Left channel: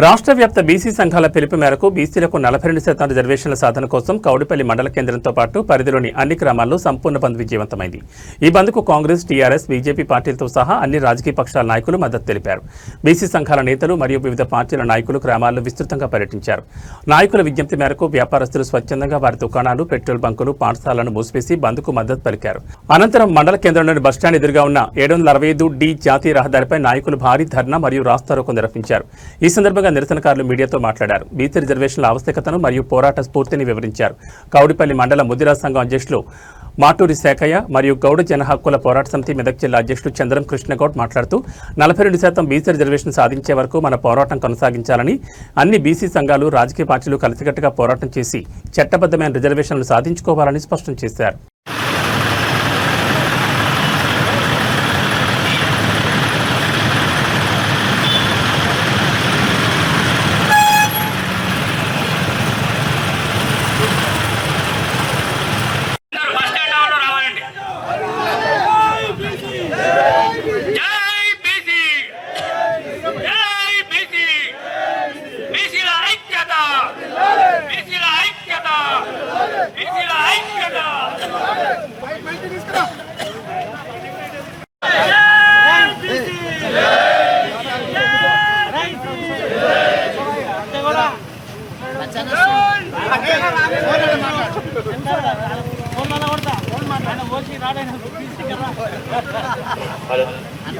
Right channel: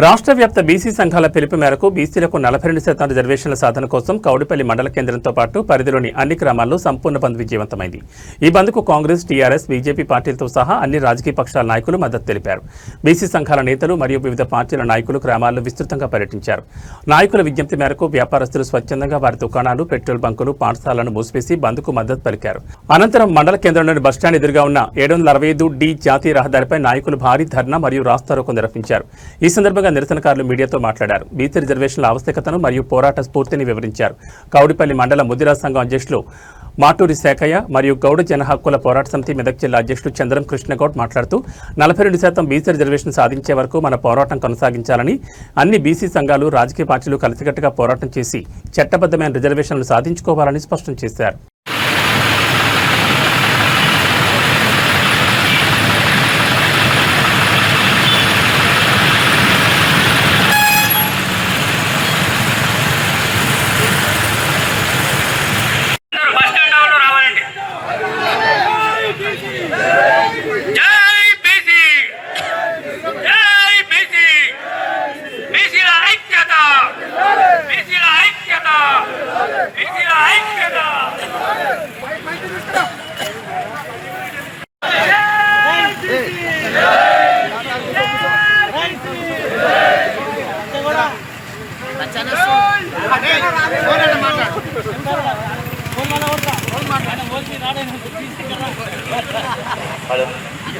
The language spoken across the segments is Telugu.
రాష్ట్ర వ్యాప్త బీసీ సంఘాల పిలుపు మేరకు బీసీలకు 42% రిజర్వేషన్ల సాధన కోసం కౌడిపల్లి మండల కేంద్రంతో పాటు పరిధిలోని అన్ని గ్రామాల్లో సంపూర్ణ బంద్ విజయవంతమైంది. ఈ బంద్కు కాంగ్రెస్, టీఆర్ఎస్, బీజేపీ పార్టీలతో సహా అన్ని రాజకీయ పక్షాల నాయకులు మద్దతు తెలిపారు. బీసీ సంఘాల నేతలు మరియు వివిధ పార్టీల నాయకులు గ్రామాల్లో విస్తృతంగా పర్యటించారు. నాయకుల విజ్ఞప్తి మేరకు వ్యాపారస్తులు స్వచ్ఛందంగా వారి దుకాణాలు, పెట్రోల్ బంకులు, పాఠశాలను మూసివేసి బంద్కు మద్దతు పలికారు. అనంతరం మండల కేంద్రంలోని బస్టాండ్ ఎదురుగా ఉన్న 765D జాతీయ రహదారిపై నాయకులు భారీ ధర్నా మరియు రాస్తారోకో నిర్వహించారు. ఈ సందర్భంగా నిరసనకారులు మీడియాతో మాట్లాడారు. బీసీ రిజర్వేషన్ల ఆవశ్యకతను మరియు పోరాట స్ఫూర్తిని వివరించారు. కౌడిపల్లి మండల ముదిరాజ్ సంఘం అధ్యక్షులు మాటూరి శేఖయ్య మరియు గౌడ జన హక్కుల పోరాట సమితి మెదక్ జిల్లా అధ్యక్షులు చంద్రం కృష్ణగౌడ్ మాట్లాడుతూ 42% బీసీ రిజర్వేషన్ సాధించే వరకు మన పోరాటం కొనసాగించాలని, అన్ని బీసీ సంఘాలు, రాజకీయ పార్టీలు కలిసికట్టుగా పోరాటం చేసి చట్టబద్ధమైన రిజర్వేషన్లు సాధించుకోవాలని స్పష్టం చేశారు.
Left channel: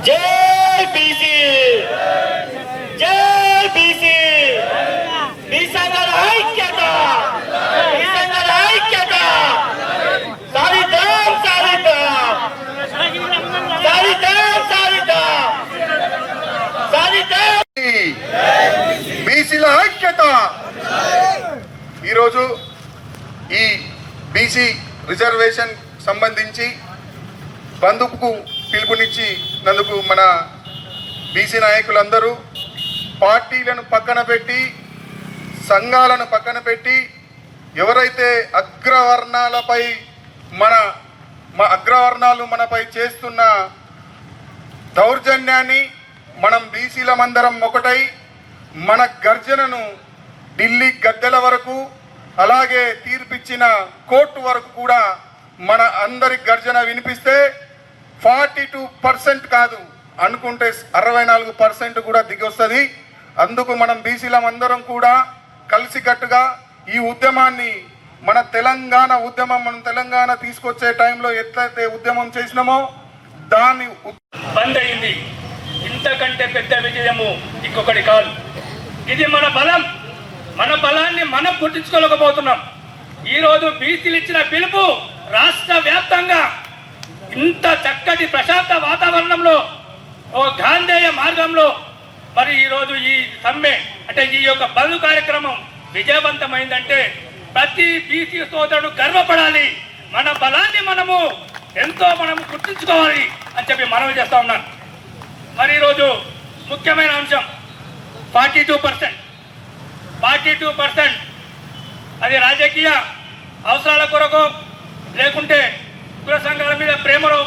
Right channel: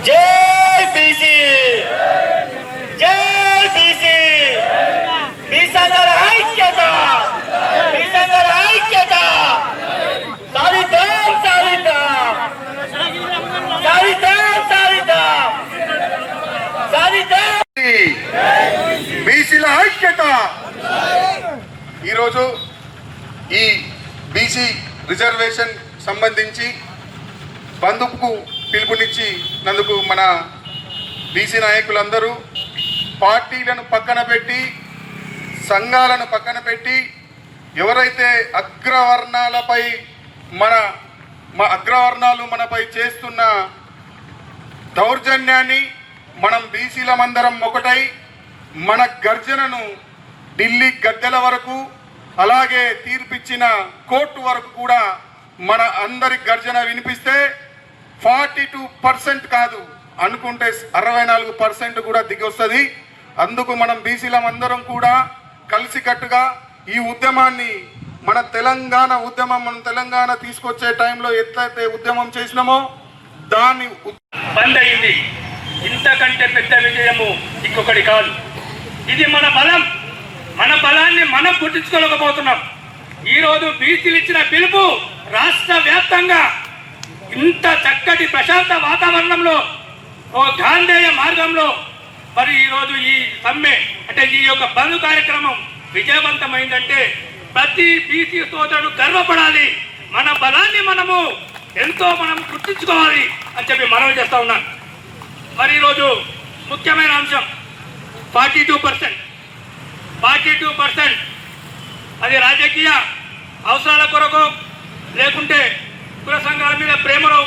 జై బీసీ, జై బీసీ, బీసీల ఐక్యత, బీసీల ఐక్యత, సాధిద్దాం, సాధిద్దాం, సాధిద్దాం, సాధిద్దాం, సాధిద్దాం, బీసీల ఐక్యత. ఈరోజు ఈ బీసీ రిజర్వేషన్ సంబంధించి బంధుకు పిలుపునిచ్చి నందుకు మన బీసీ నాయకులందరూ పార్టీలను పక్కన పెట్టి, సంఘాలను పక్కన పెట్టి, ఎవరైతే అగ్రవర్ణాలపై అగ్రవర్ణాలు మనపై చేస్తున్న దౌర్జన్యాన్ని మనం బీసీలమందరం ఒకటై మన గర్జనను ఢిల్లీ గద్దెల వరకు, అలాగే తీర్పిచ్చిన కోర్టు వరకు కూడా మన అందరి గర్జన వినిపిస్తే 42% కాదు అనుకుంటే 64% కూడా దిగొస్తుంది. అందుకు మనం బీసీలమందరం కూడా కలిసికట్టుగా ఈ ఉద్యమాన్ని, మన తెలంగాణ ఉద్యమం, మనం తెలంగాణ తీసుకొచ్చే టైంలో ఎట్లయితే ఉద్యమం చేసినామో దాన్ని బంద్ అయింది. ఇంతకంటే పెద్ద విజయము ఇంకొకటి కాదు. ఇది మన బలం. మన బలాన్ని మనం గుర్తించుకోలేకపోతున్నాం. ఈరోజు బీసీలు ఇచ్చిన పిలుపు రాష్ట్ర వ్యాప్తంగా ఇంత చక్కటి ప్రశాంత వాతావరణంలో, ఓ గాంధేయ మార్గంలో మరి ఈరోజు ఈ సమ్మె అంటే ఈ యొక్క బంద్ కార్యక్రమం విజయవంతమైందంటే ప్రతి బీసీ సోదరుడు గర్వపడాలి. మన బలాన్ని మనము గుర్తించుకోవాలి అని చెప్పి మనం చేస్తా ఉన్నాను. మరి ఈరోజు ముఖ్యమైన అంశం 42%. అది రాజకీయ అవసరాల కొరకు, లేకుంటే కుల సంఘాల మీద ప్రేమలో,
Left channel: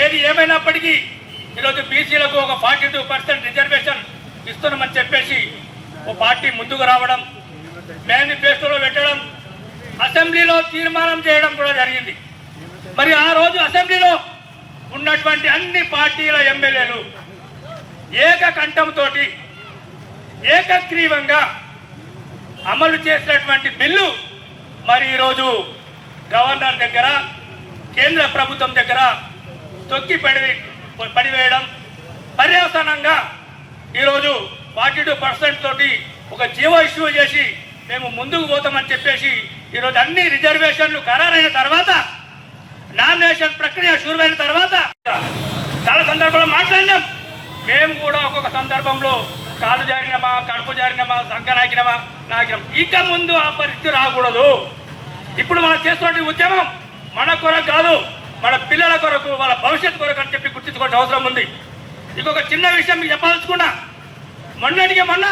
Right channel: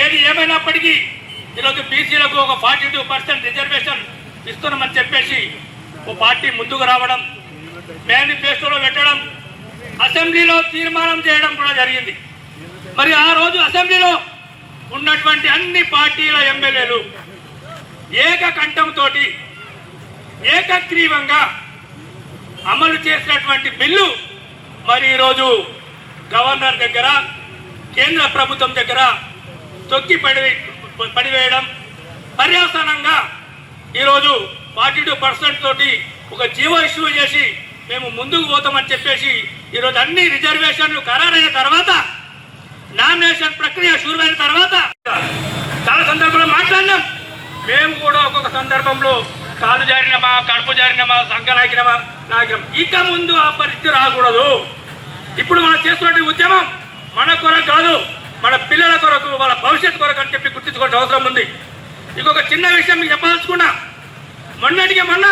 ఏది ఏమైనప్పటికీ ఈరోజు బీసీలకు ఒక 42% రిజర్వేషన్ ఇస్తున్నామని చెప్పేసి ఓ పార్టీ ముందుకు రావడం, మేనిఫెస్టోలో పెట్టడం, అసెంబ్లీలో తీర్మానం చేయడం కూడా జరిగింది. మరి ఆ రోజు అసెంబ్లీలో ఉన్నటువంటి అన్ని పార్టీల ఎమ్మెల్యేలు ఏకకంఠంతో ఏకగ్రీవంగా అమలు చేసినటువంటి బిల్లు మరి ఈరోజు గవర్నర్ దగ్గర, కేంద్ర ప్రభుత్వం దగ్గర తొక్కి పడివేయడం, పర్యవసానంగా ఈరోజు 42% తోటి ఒక జీవో ఇష్యూ చేసి మేము ముందుకు పోతామని చెప్పేసి ఈరోజు అన్ని రిజర్వేషన్లు ఖరారైన తర్వాత, నామినేషన్ ప్రక్రియ షురువైన తర్వాత చాలా సందర్భంలో మాట్లాడినాం. మేము కూడా ఒక్కొక్క సందర్భంలో కాలు జారినమా, కడుపు జారినమా, సంకనాకినమా నాకినాం. ఇక ముందు ఆ పరిస్థితి రాకూడదు. ఇప్పుడు మనం చేస్తున్న ఉద్యమం మన కొరకు కాదు, మన పిల్లల కొరకు, వాళ్ళ భవిష్యత్తు కొరకు అని చెప్పి గుర్తించుకోవాల్సిన అవసరం ఉంది. ఇంకొక చిన్న విషయం మీకు చెప్పదలుచుకున్నా. మొన్న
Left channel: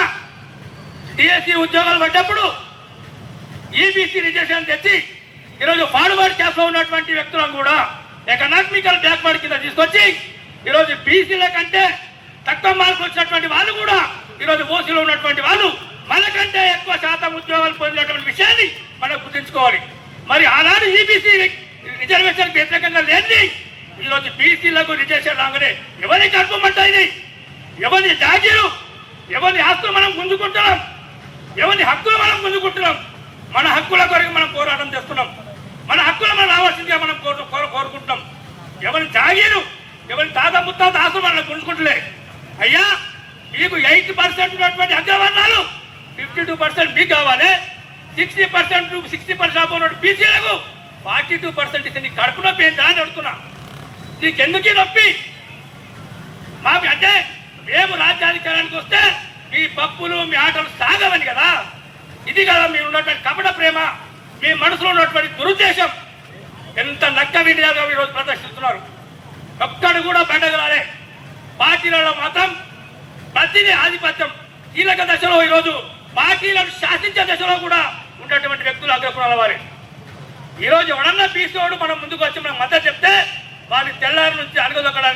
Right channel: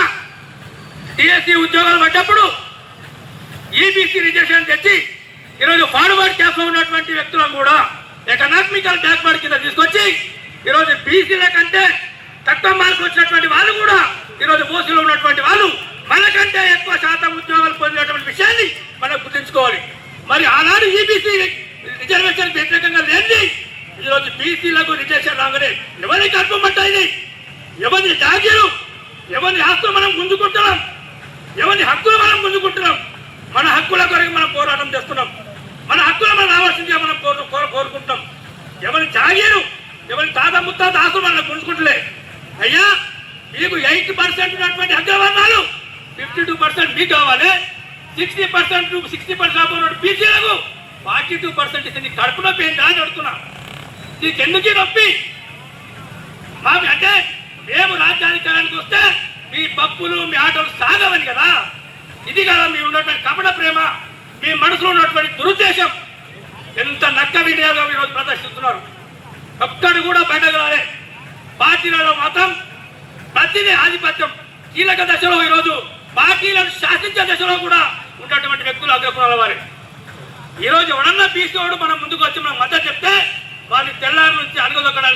డిఎస్సి ఉద్యోగాలు పడ్డప్పుడు ఈబీసీ రిజర్వేషన్ తెచ్చి ఈరోజు ఫార్వర్డ్ క్యాస్ట్లో ఉన్నటువంటి వ్యక్తులను కూడా ఎకనామికల్ బ్యాక్వర్డ్ కింద తీసుకొచ్చి ఈరోజు బీసీల కంటే తక్కువ మార్కులు వచ్చినటువంటి వాళ్ళు కూడా ఈరోజు ఓసీలో ఉన్నటువంటి వాళ్ళు మనకంటే ఎక్కువ శాతం ఉద్యోగాలు పొందినటువంటి విషయాన్ని మనం గుర్తుంచుకోవాలి. మరి ఆనాడు ఈబీసీ రిజర్వేషన్ వ్యతిరేకంగా లేని ఈరోజు బీసీలకు రిజర్వేషన్ రాగానే ఎవరి కల్పమంటాయి, ఎవరి జాగీరు, ఎవరి హక్కులు మనం గుంజుకుంటున్నాం, ఎవరి హక్కులు మనం గుంజుకుంటున్నాం. మన హక్కుల కొరకు మనం పోరాటం చేస్తున్నాం, మన హక్కులు మనం రావాల్సిందిగా మనం కోరుకుంటున్నాం. ఎవరి జాగీరు, ఎవరి తాత ముత్తాత ఆస్తులు మనం గుంజుకుంటలే. అయ్యా మీకు 80% ఉన్నటువంటి అగ్రవర్ణాలు 52% మీకు కావాలి, 60% 60% బీసీలకు 42% ఇస్తే నీకు కడుపు నొప్పి ఏంటా అని అడుగుతున్నా. నీకెందుకు నొప్పి? మాకు అంటే మేము రాజ్యాధికారానికి వస్తే మీ పప్పులు మీ ఆటలు సాగవని కదా. ఇది కదా మీరు ఉన్నటువంటి కపట ప్రేమ, మీ మనసులో ఉన్నటువంటి దురుద్దేశం. ఎంత నక్క వినియోగం ఈరోజు ప్రదర్శిస్తున్నారు. ఒక్కడు కూడా బయటకు పార్టీలలో మాత్రం ప్రతిదీ ఆధిపత్యం. కీలక దశలో ఈరోజు పార్టీలను శాసించే దశలో కూడా ఉన్నటువంటి వ్యక్తులు అగ్రకులాల వారే. ఈరోజు ఎవడన్నా బీసీవాడు మనం ముందుకు వచ్చి మనం మద్దతు చెప్తే వారిని తెల్లారి నుంచి అణగదొక్కడానికి